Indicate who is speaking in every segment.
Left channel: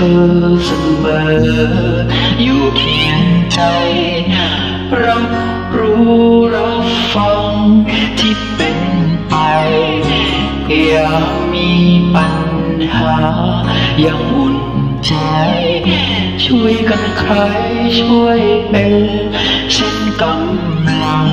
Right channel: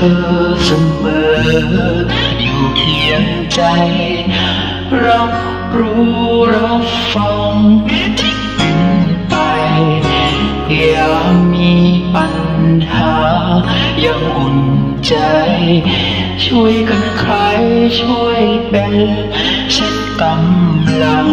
Speaker 1: อเสมอ อยู่เคียงใจ รับรู้รับฟังที่เป็นไป อย่ามีปัญหาย่างอุ่นใจ ช่วยกันใครช่วยเป็นเช่นกำลัง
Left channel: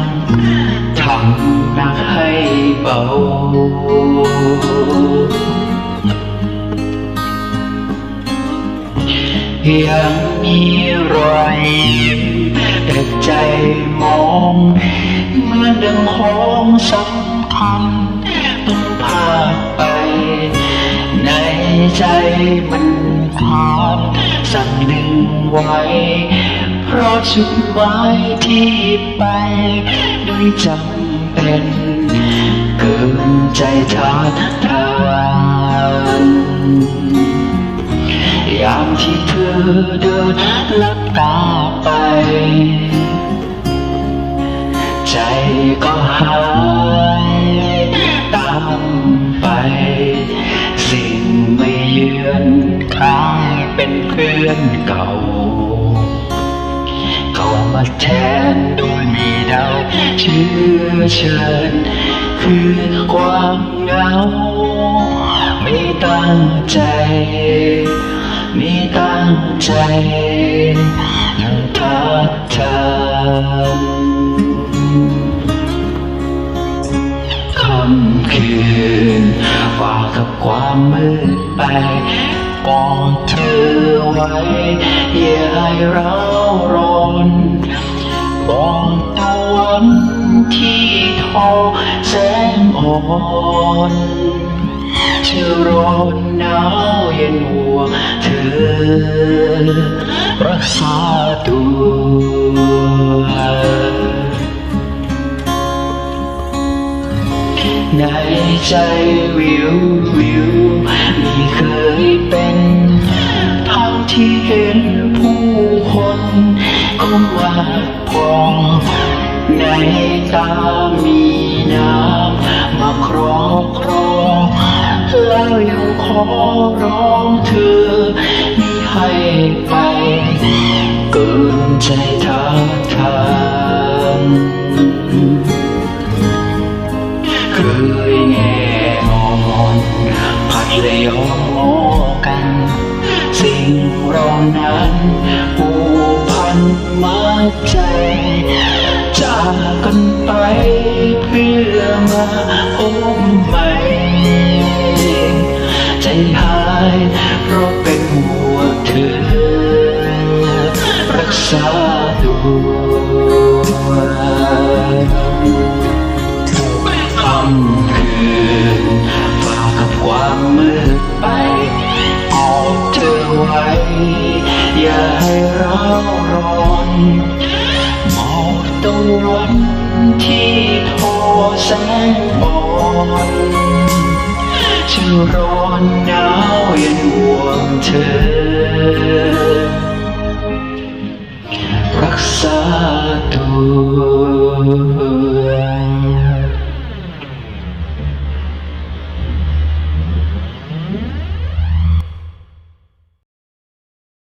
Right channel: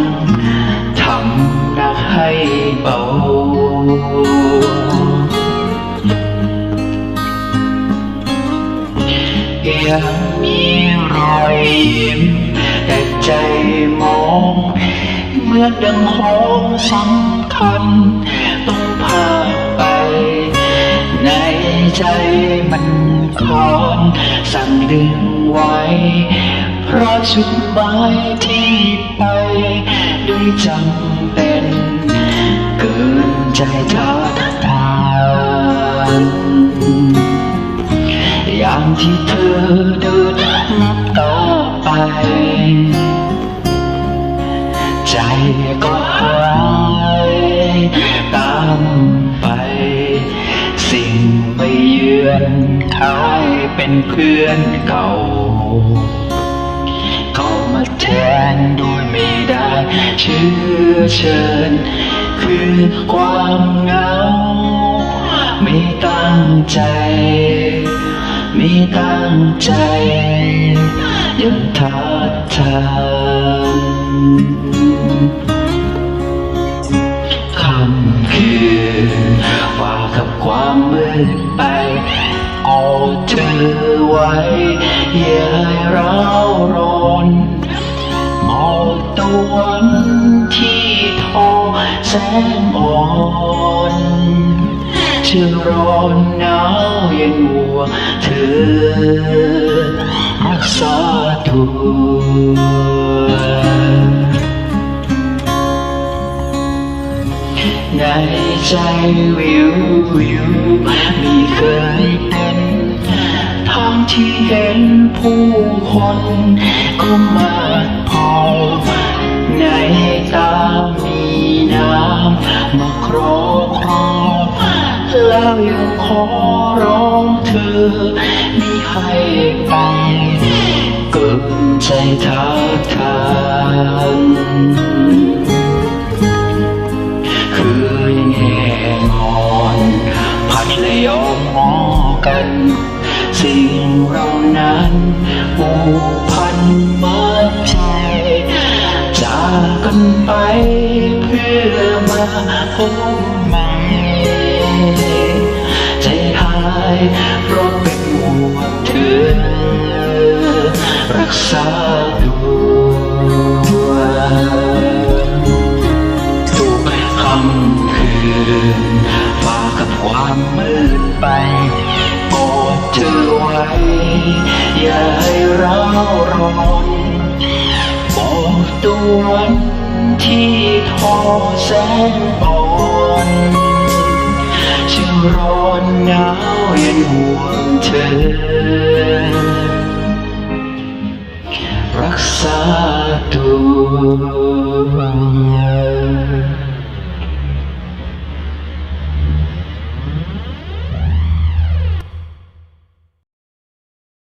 Speaker 1: ยังมีรอยยิ้ม แต่ใจมองเหมือนดังห้องสำคัญ ต้องพาไป ในใจมันคอนสั่งดึงไว้ เพราะจุดหมายที่ไป ด้วยจำเป็น เกินใจท้า เป็นเพื่อนเก่าเขามาแทนโดยไม่ได้เชื้อเชิญ คือความเหงา ไม่ตั้งใจ ไม่ตั้งใจ ยังทักทานคำคืนฝากกับความมืดไป กอดเธอไว้ อย่าให้ร้าวร้อนบอกตะวันที่ทอแสงอ่อนเชื่อร้อนหนาวเย็นหัวเธอ รักษาตัวในใจวิววิ มาพอในตามีน้ำมาครอครองแล้วยังขอร้องเธอ พบใหม่ ใจหายเพราะเป็นห่วงเธอ รักษาตัวทุกคำคืนฝากกับความมืดไปกอดเธอไว้ อย่าให้เราร้อนบอกตะวันที่ทอ แสงอ่อนจะร้อนหนาวเย็นห่วงเธอ